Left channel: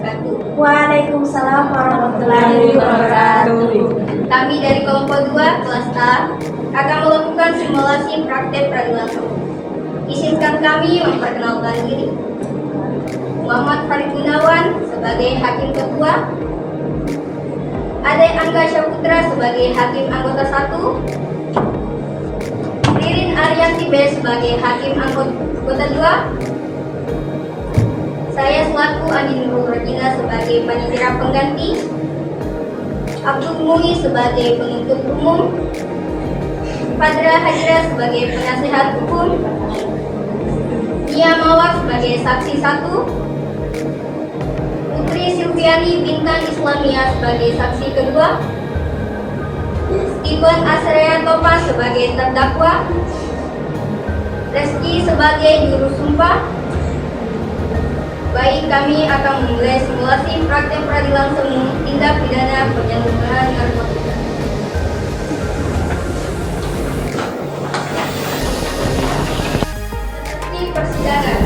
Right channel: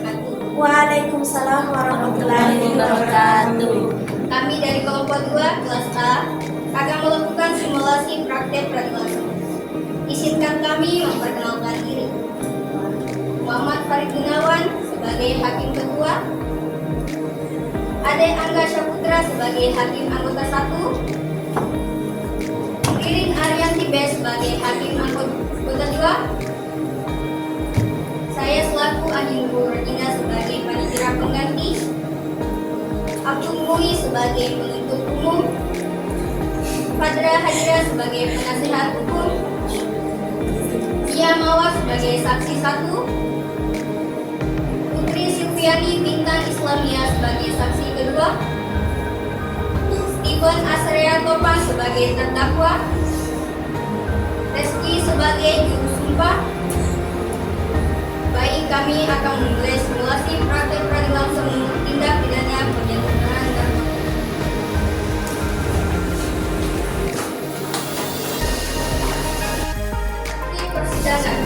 wabarakatuh. Waalaikumsalam warahmatullahi wabarakatuh. Kami dari kelompok 2 kelas A akan melakukan simulasi praktek peradilan umum. Izinkan kami memperkenalkan diri. Muhammad Farid Gunawan sebagai Hakim Ketua, Ade Angga Syaputra sebagai Hakim Anggota 1, Ririn Aryati B sebagai Hakim Anggota 2, saya selaku Andi Nurul Rojina sebagai Panitia Pengganti, Abdul Mui sebagai Penuntut Umum, Fadra Hajra sebagai Penasihat Hukum, Mia Mawar sebagai Saksi 1, Putri Silviani Bintang Islamia sebagai Saksi kedua, Steven Asrea Topa sebagai terdakwa, Reski sebagai juru sumpah. Baik, kami akan memulai simulasi praktek peradilan umum tindak pidana penyalahgunaan narkotika. Di persidangan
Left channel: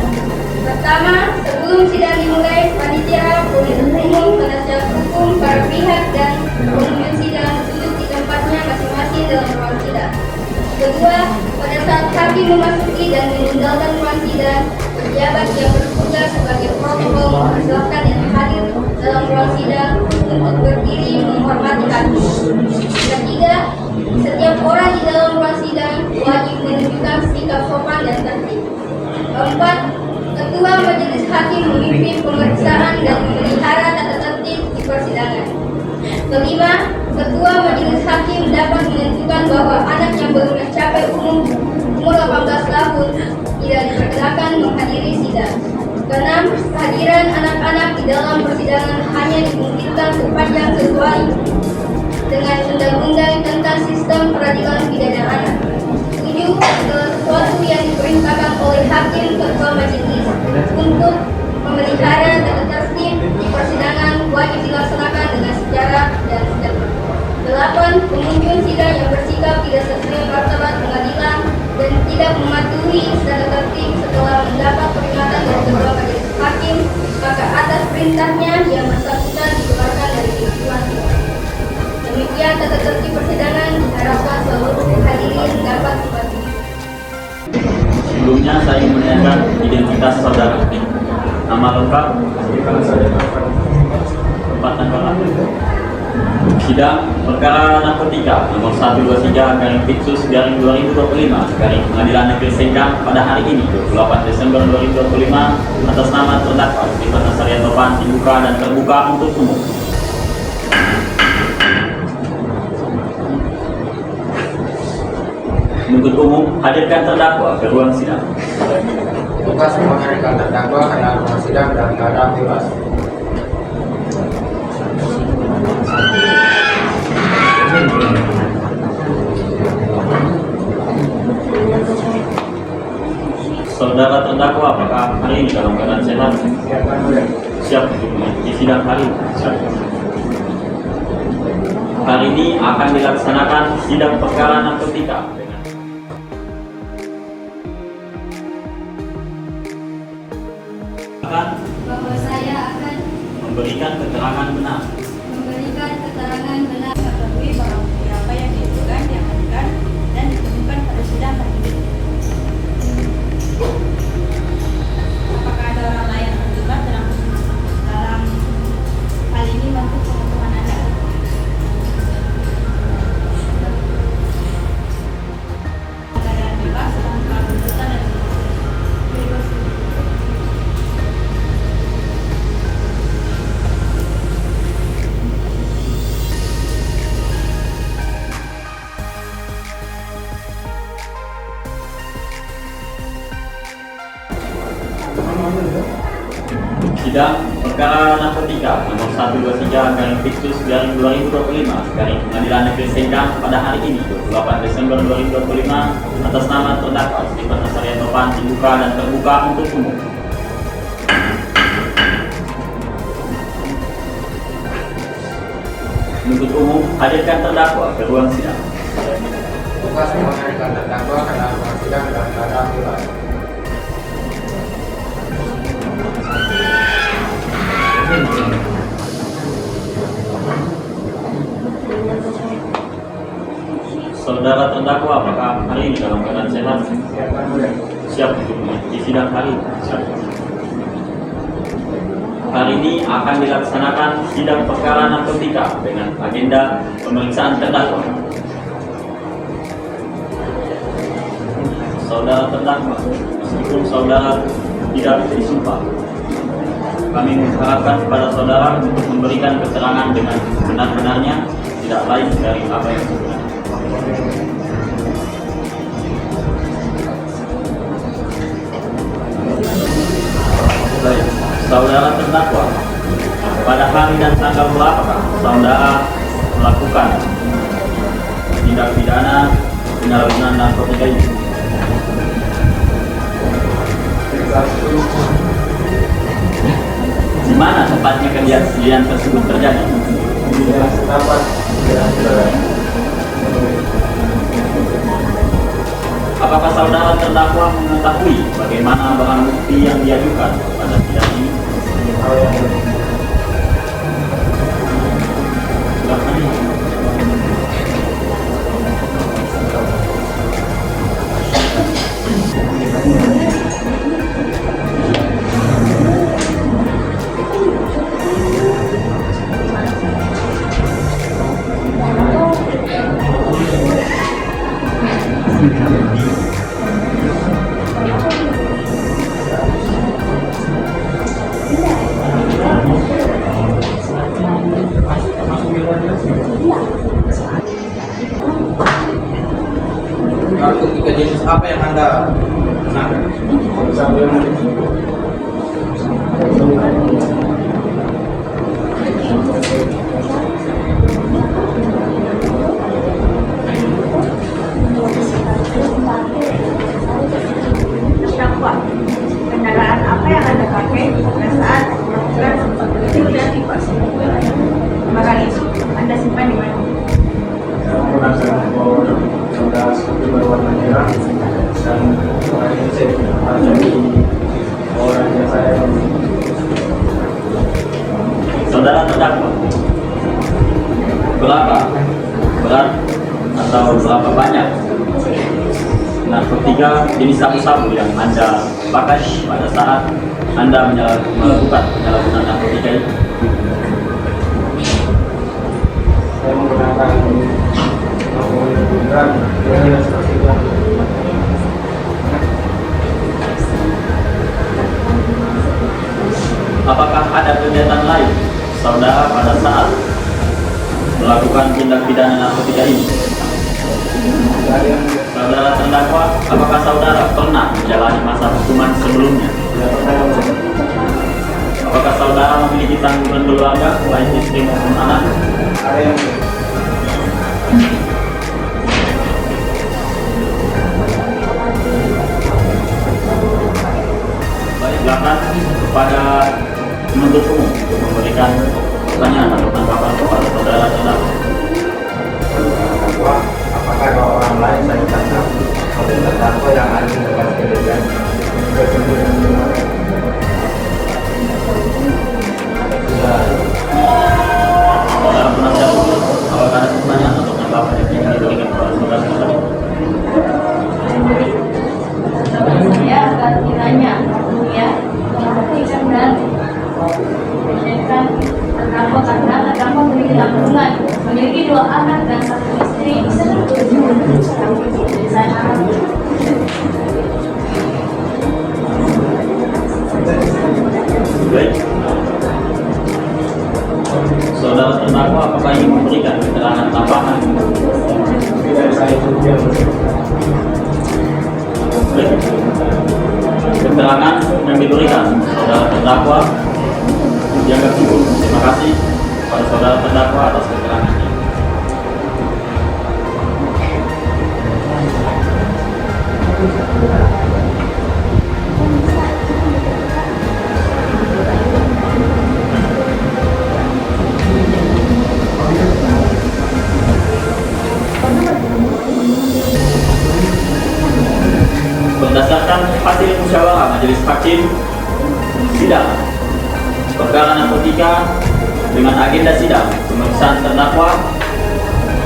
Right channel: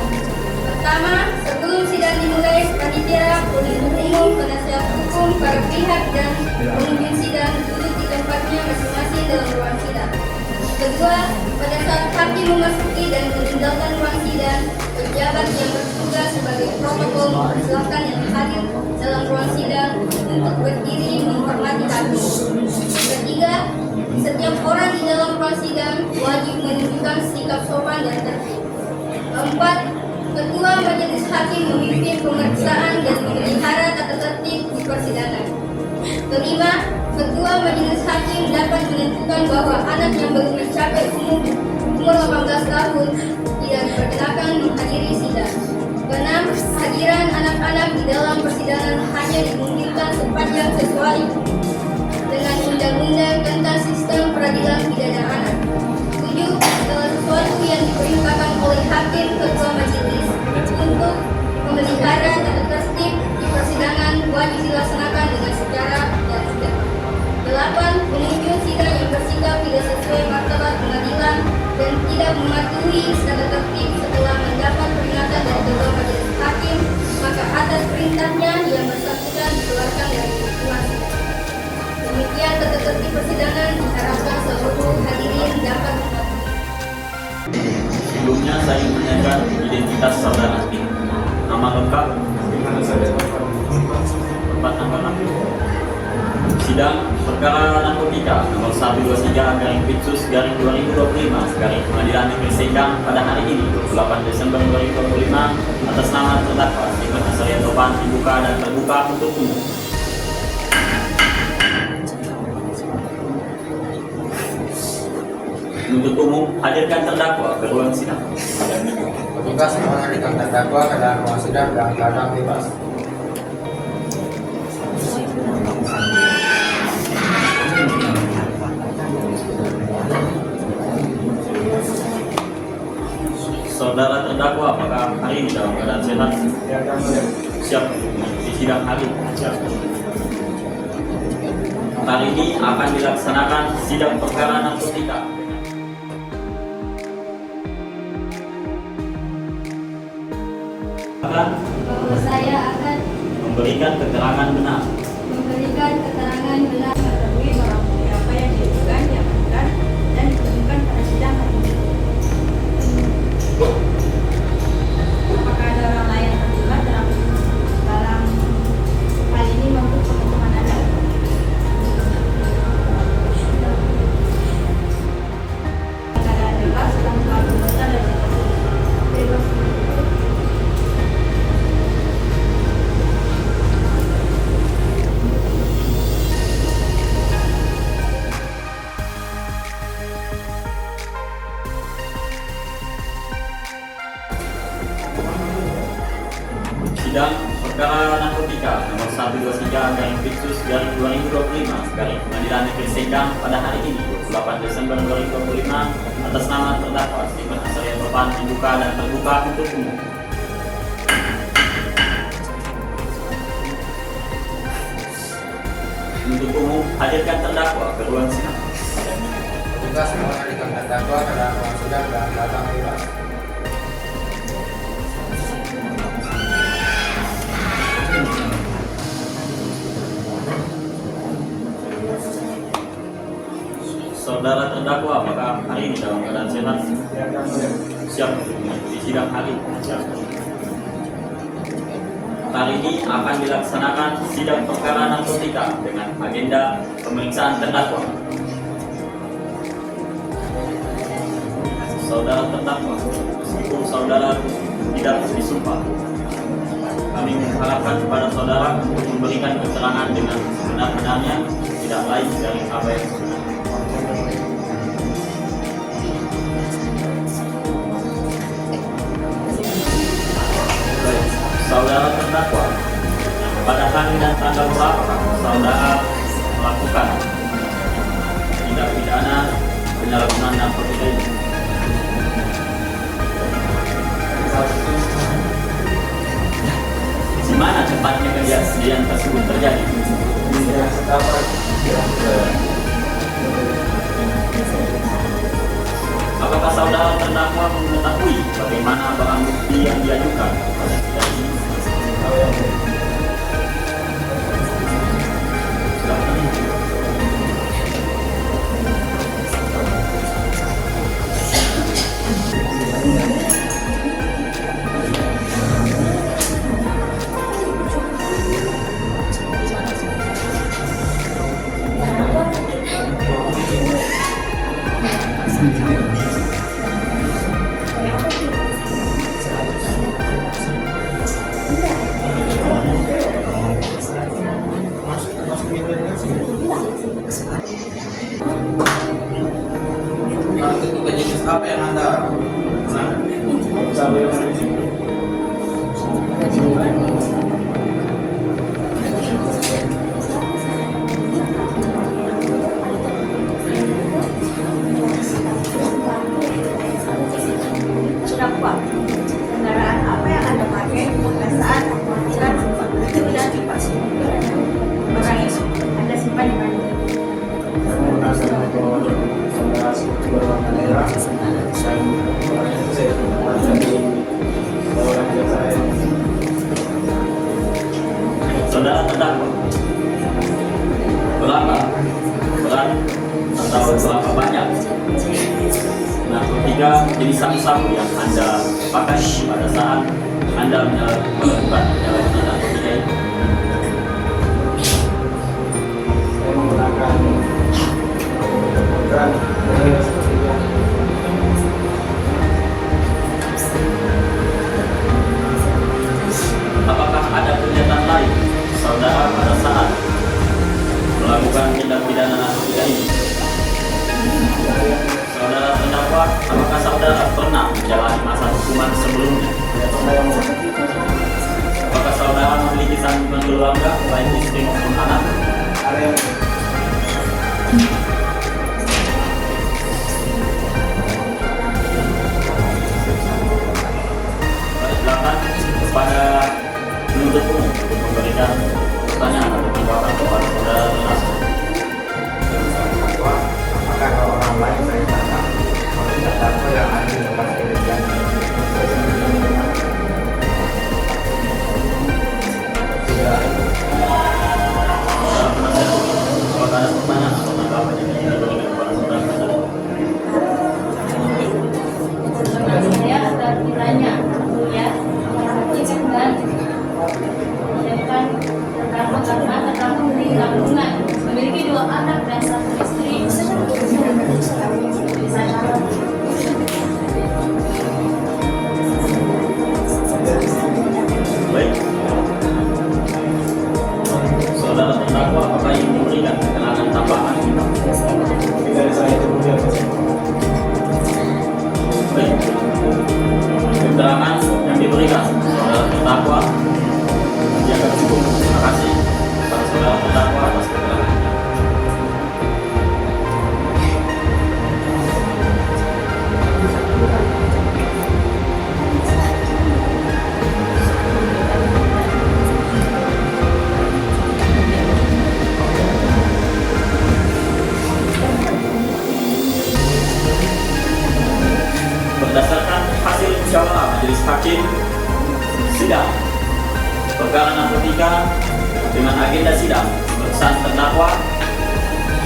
pertama, sebelum sidang dimulai, panitia, penuntut umum, penasihat hukum, para pihak dan pengunjung sidang duduk di tempatnya masing-masing dalam ruang sidang. Kedua, pada saat hakim memasuki dan meninggalkan ruang sidang, pejabat yang bertugas sebagai protokol mempersilahkan yang hadir dalam ruang sidang untuk berdiri menghormati hakim. Ketiga, setiap orang di dalam ruang sidang wajib menunjukkan sikap sopan dan tertib. Keempat, ketua majelis hakim memimpin pemeriksaan dan memelihara tata tertib di persidangan. Kelima, ketua majelis hakim dapat menentukan bahwa anak yang belum mencapai umur 18 tahun tidak diperkenankan menghadiri sidang. Keenam, kehadiran anak-anak di dalam persidangan hanya dimungkinkan sepanjang sesuai dengan undang-undang tentang sistem peradilan pidana anak. Tujuh, segala sesuatu yang diperintahkan oleh hakim ketua majelis untuk memelihara tata tertib di persidangan wajib dilaksanakan dengan secara dan tertib. Delapan, pengunjung sidang yang bersikap tidak sesuai martabat pengadilan dan tidak mematuhi tata tertib setelah mendapat peringatan dari ketua majelis hakim, maka atas perintahnya yang bersangkutan dikeluarkan dari ruang sidang. Demikian tata tertib persidangan, diharapkan seluruh hadirin dapat mematuhi. Sebelumnya saya menanyakan identitas saudara. Nama lengkap, tempat tanggal lahir. Sidang perkara narkotika nomor 123/Pitsus/2025 Pengadilan Negeri Sengkang pada hari ini 28 Desember 2025 atas nama terdakwa Steven Asrea Topa dibuka dan terbuka untuk umum. Penuntut umum hadirkan terdakwa ke ruang sidang. Tugas menghadirkan terdakwa ke dalam ruang sidang dalam keadaan bebas. Saudara terdakwa, apakah hari ini dalam keadaan sehat? Siap di sidang hari ini? Siap. Hari ini akan dilaksanakan sidang perkara narkotika. Bahwa saya akan Memberikan keterangan benar Mengetahui barang bukti apa yang diajukan, diamankan, dan ditemukan pada sidang hari ini. Apakah ada orang lain yang terlibat dalam hal ini menurut pengetahuan Anda? Keadaan bebas tanpa tuntutan dan bebas. sidang perkara narkotika nomor 123/Pitsus/2025 Pengadilan Negeri Sengkang pada hari ini 28 Desember 2025 atas nama terdakwa Steven Asrea Topa dibuka dan terbuka untuk umum. Penuntut umum hadirkan terdakwa ke ruang sidang. Tugas menghadirkan terdakwa ke dalam ruang sidang dalam keadaan bebas. dalam keadaan sehat? Siap untuk mengikuti sidang hari ini? Siap. Hari ini akan dilaksanakan sidang perkara narkotika dengan agenda pemeriksaan terdakwa. Saudara terdakwa, meskipun saudara tidak disumpah, kami mengharapkan kepada saudara untuk memberikan keterangan dengan benar-benarnya, tidak lain dari apa yang sebenarnya. Baik, saudara terdakwa, pada hari dan tanggal berapa saudara melakukan tindak pidana penyalahgunaan narkotika ini? Di mana tempatnya kejadian tersebut terjadi? Apakah saudara terdakwa mengetahui bagaimana barang bukti yang diajukan pada sidang ini? Silakan. Narkotika jenis apa yang Anda gunakan? Terdakwa, kendaraan apa yang Anda pakai pada saat melakukan intimidasi Pak? Barang itu Anda simpan di mana? Saudara terdakwa, berapa berat atau berapa banyak narkotika jenis sabu-sabu yang Anda pakai pada saat Anda melakukan penyalahgunaan narkotika ini? Saya menggunakan narkotika seperti itu. Apakah ada kegiatan lain saudara pada saat melakukan tindak pidana narkotika ini? Saudara terdakwa, apakah saudara pernah menjalani masa hukuman sebelumnya? Apakah saudara memiliki tanggungan keluarga, baik istri maupun anak? Ada yang Baik, silakan kepada penuntut umum untuk memberikan pertanyaan atau tanggapan kepada saudara terdakwa. terdakwa, apakah ada orang lain saya ditangkap oleh terdakwa yang ada di tempat kejadian? Sudah. Saudara penasihat hukum, apakah ada pertanyaan atau tanggapan yang ingin diberikan kepada saudara terdakwa? Saya akan ditanya, ya, dan terdakwa karena terdakwa memiliki tanggungan, memiliki 2 anak dan 1 istri. Jadi saya harap Baik. Saudara terdakwa, apakah ingin memberikan keterangan tambahan? Baik. Keterangan yang diberikan saudara terdakwa dianggap cukup. Terima kasih kepada saudara terdakwa atas keterangannya. Berdasarkan hasil musyawarah majelis hakim sidang perkara narkotika dengan agenda sidang pemeriksaan terdakwa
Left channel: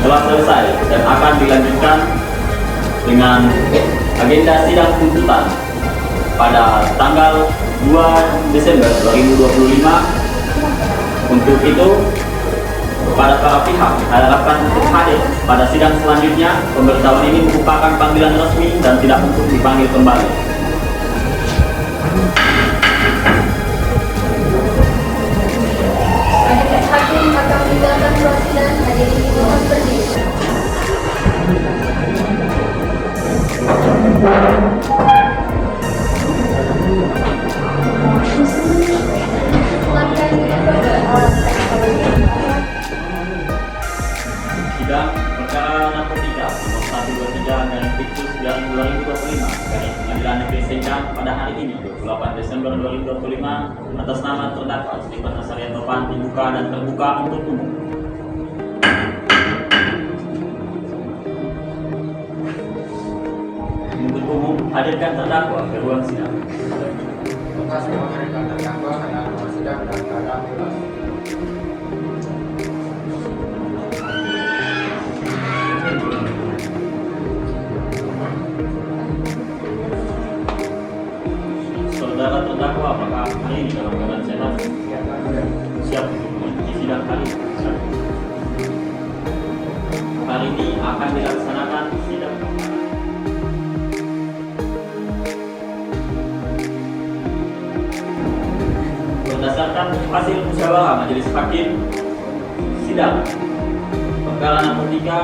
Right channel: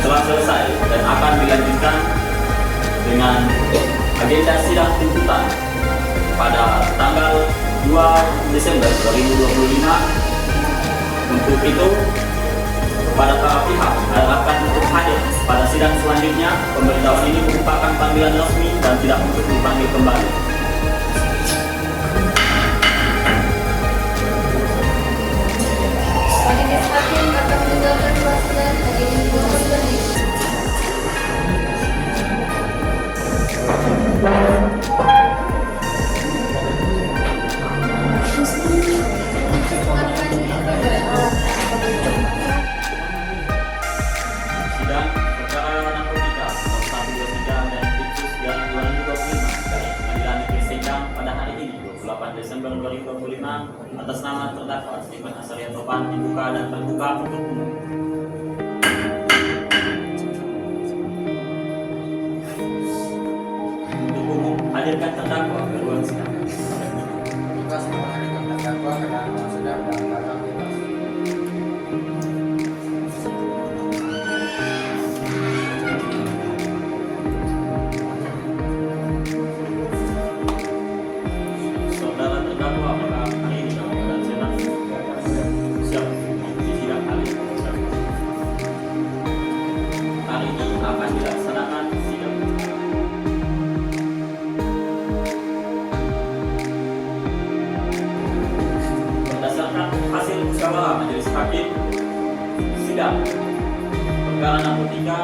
telah selesai dan akan dilanjutkan dengan agenda sidang tuntutan pada tanggal 2 Desember 2025. Untuk itu, kepada para pihak diharapkan untuk hadir pada sidang selanjutnya. Pemberitahuan ini merupakan panggilan resmi dan tidak untuk dipanggil kembali. Majelis Hakim akan meninggalkan ruang sidang hadirin di ruang berdiri. Silakan dilakukan. Sidang perkara narkotika nomor 123 dan Tipsus garing 2025 dari Pengadilan Negeri Sengkang pada hari ini 28 Desember 2025 atas nama terdakwa Stephen Azaria Topan dibuka dan terbuka untuk umum. Untuk umum, hadirkan terdakwa ke ruang sidang. Tugas menghadirkan terdakwa ke dalam ruang sidang dan keadaan bebas. Saudara terdakwa, apakah hari ini dalam keadaan sehat? Siap untuk mengikuti sidang kali ini? Siap. Hari ini akan dilaksanakan sidang. Berdasarkan hasil musyawarah majelis hakim, sidang perkara narkotika